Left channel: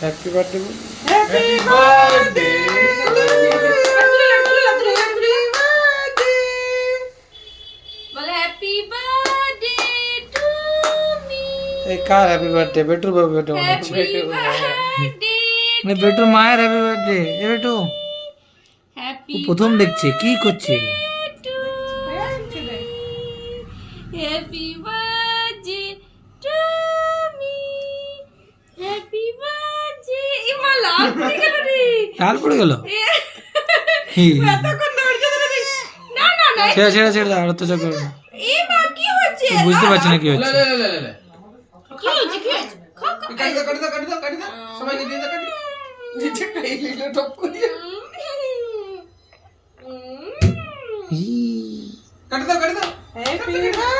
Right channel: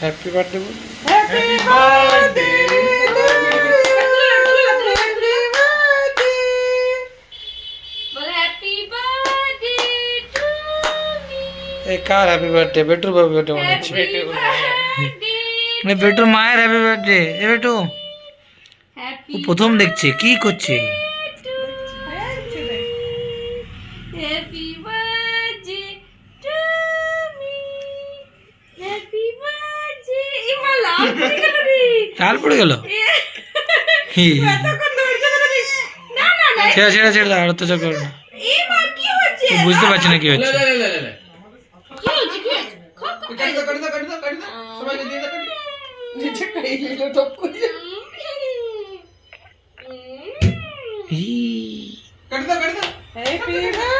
Happy birthday বল। Happy birthday বলে happy birthday to me. এই কার happy birthday? বেটুর birthday মনে হচ্ছে। হ্যাপি বার্থডে মানে বেটুর মায়ের হ্যাপি বার্থডে। এ বেটু হ্যাপি ও প্রথম দেখছে কি করছে। Happy birthday to me. Happy birthday. ইমা লাভ করে গেল রে। লাল পড়ে গেল। এতক্ষণ ধৈর্য ধরে দেখ। না না না। ছেড়ে ছেড়ে ছেড়ে দাও, আর অত্যাচার করো না। ইমা কি হচ্ছে? ও বুঝতে পারছে না কি হচ্ছে। কি হচ্ছে কি হচ্ছে? খা খা। সবাইকে দিয়ে দাও, নিচে খাই দিল টপ করে। ই কাট দাও। Happy birthday